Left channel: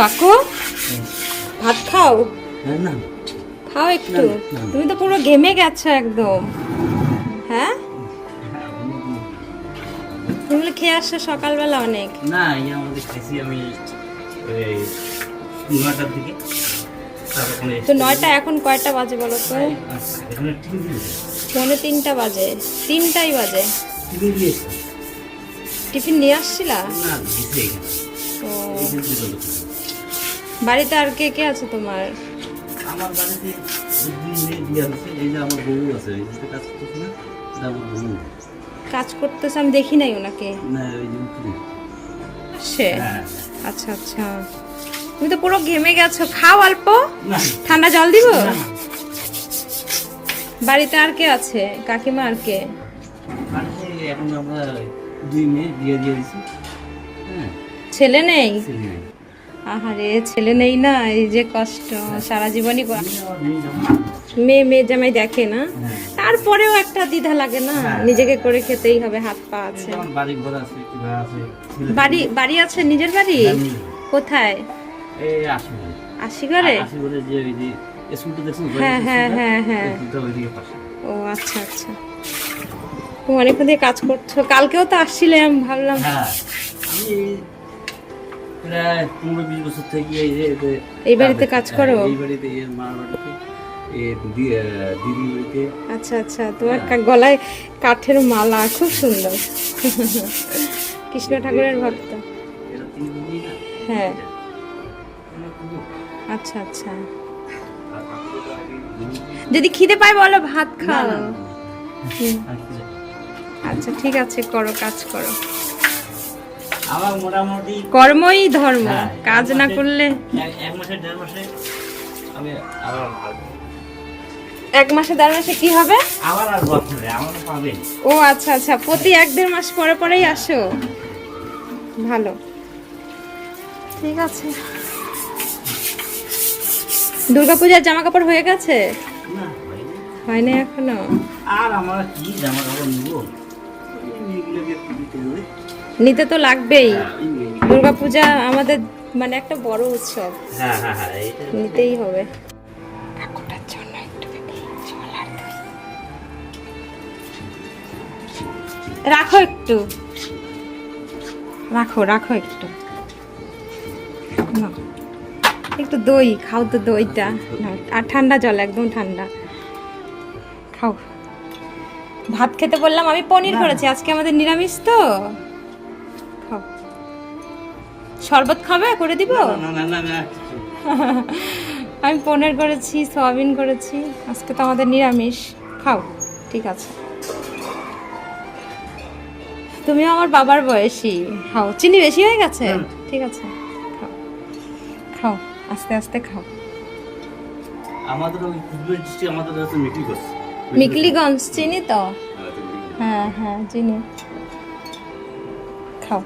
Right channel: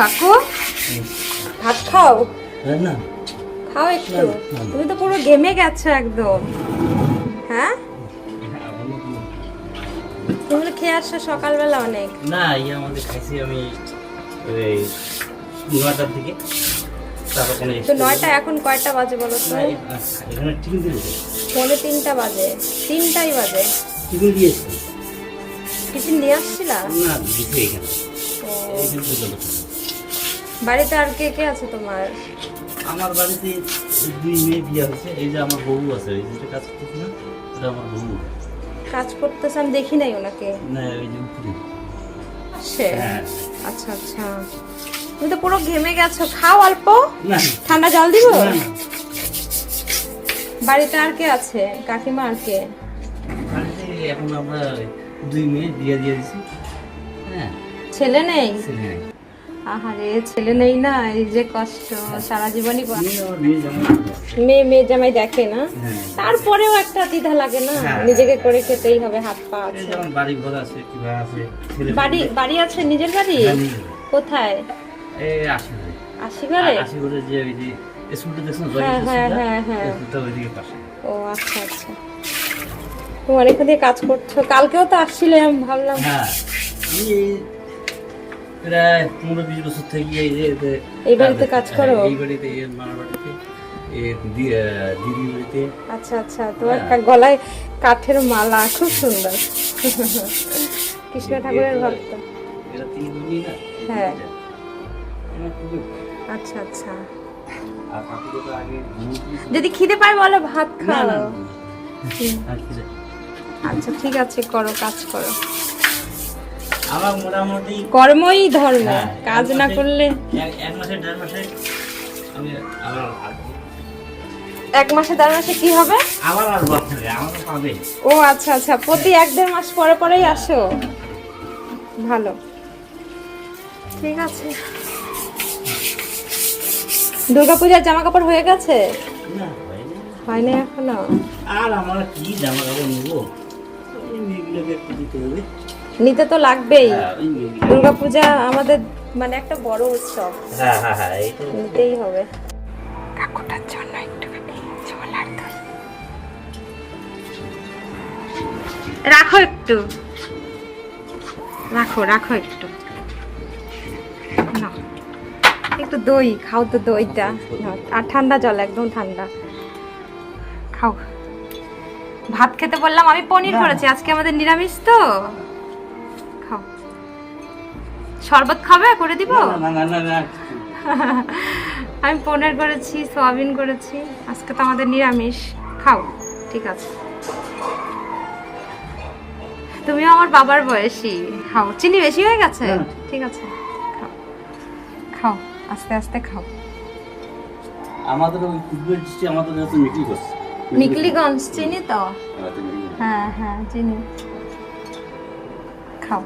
কাকু? ভাত খাও? না খাও একটু। তুমি তো পুরো গেমে গেছো একদম। হ্যাঁ? তুমি খেয়ে আসছো সকালবেলা অনেক। না ইয়ে আমাদের খাইছি আমি ওই নয়টার দিকে। তো নয়টা এখন কয়টা বাজে বলো তো? পৌনে তিনটা বাজে। তিনটাই বাজে। টিফিন নিয়ে আসছিলা? না বাড়িতে আর কে কে আছে তোমার? আমার বাড়িতে দুই মেয়ে বিয়ে হয়েছে। এই যে আমার বউ আছে ওই যেটা কাজ করতেছে না এটা আমার বউ। কাজ করতেছে আমি দেখি নাই ওনাকে। না ওই যে উপরে। সে? হ্যাঁ। আচ্ছা আচ্ছা। তুমি তো পুরো ঘেমে গেছো। খাও অল্প। ঠান্ডা জল দিব। বাড়িতে আর কে আছে? কাকিমা আর কে? এখন আমরা দুই মেয়ে বিয়ে দিয়ে দিছি হ্যাঁ। ছেলে নেই? ছেলে নাই। আহারে ছেলে নেই না এই যে কষ্ট সারা জীবনই মেয়ে মেয়ে জামাই। দেখে না? হ্যাঁ। তারপরেও একটা দ্বিধা লাগে না? হ্যাঁ। নিজেকে করে খেতেই হবে হাত পা আছে। বাড়ি ঘর আছে বাড়ি বাড়ি আছে নিজের বাড়ি? কোথায়? এই আসি ঘরে। আশি ঘরে আসি ঘরে যে ওই যে স্কুলটা দেখছেন হ্যাঁ, হ্যাঁ, হ্যাঁ, হ্যাঁ। ও আচ্ছা আচ্ছা। তুমি অনেকক্ষণ দিয়ে কাজ করছ। কালকেও তো আসছিলাম ভাবলাম। হ্যাঁ। আমি প্রায় পনেরো বিশ বছর থেকে এই বাড়িতে কাজ করো? হ্যাঁ, এই বাড়িতে মার বাড়িতে বাড়িতে। আচ্ছা আচ্ছা তোমার কা- গলায় কাঠের মালা খুব সুন্দর। কৃষ্ণ ঠাকুরের ভক্ত। হ্যাঁ। আচ্ছা আচ্ছা। যদি খিদে পায় বলো ভাত খাও। আচ্ছা ঠিক আছে করো কাজ করো। আমার মোটামুটি কর্মই ধর্ম হ্যাঁ, কাজ না করলে? এক- মাসে দেড় মাসে আমি আবার এক মাসে দেড় মাসে কি হবে? আবার আর বছরে আমার পাবে ও আচ্ছা আচ্ছা প্রতি এক দেড় মাস পরে পরেই আসো? ভালো। ঠিক আছে। দুর্গাপূজার জামা কাপড় হয়ে গেছে? না হয়নি। এখনও? আর আমার কি জামা কাপড় নেব একটু দিতে হবে। নিতে তো লাগবেই। হ্যাঁ, দুর্গাপূজা আমাদের মানে একটা বড় উৎসব। হ্যাঁ হ্যাঁ হ্যাঁ নিতেই হবে। কাকুটার জন্য একটুখানি জল আর দই। রাখো একটু। রাখো রাখো একটু। নাও। একটু দই খাও তো দইটা। আর ঠান্ডা জল একদম ঠান্ডা। খাও। ভাত খেতে বললাম আমি পনির করেছি আজকে আমাদের নিরামিষ তো। শরবত খাবে? করে দিব? না না না না আমি পনির করেছি সয়াবিন করেছি। আজকে তো আমাদের নিরামিষ। খাও ঠিক আছে। তুমিও আমার বাবার বয়সী। খাও। চিনি বেশি হয়ে গেছে? ঠিক আছে। খাও। খাও আস্তে আস্তে খাও। আমাদের আমাদের করছে। মিকলিগঞ্জ চিনি তো? হ্যাঁ হ্যাঁ চিনি। খাও।